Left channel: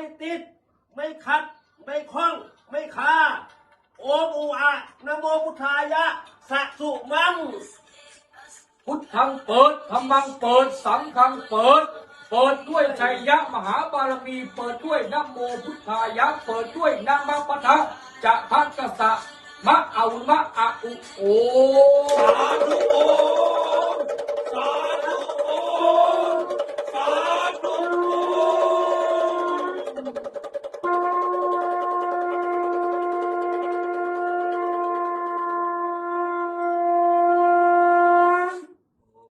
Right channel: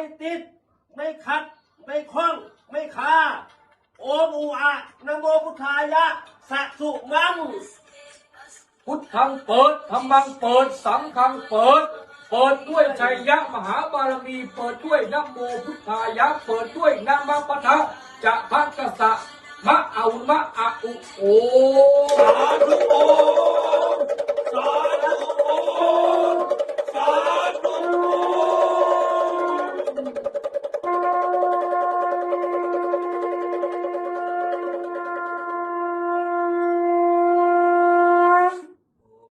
ไม่ติด ไม่ขัด ไม่คล้อง ไม่คาโอมอูอะนะโมพุทธายะสะสุมัง พุทธังเปิดธรรมังเปิด สังฆังเปิด เปิดด้วยชัยยะมหาบารมี เปิดด้วยนะโมพุทธายะ เปิดด้วยนามปะทะจะพักกะสะมะเอามะอะอุโอสาธุ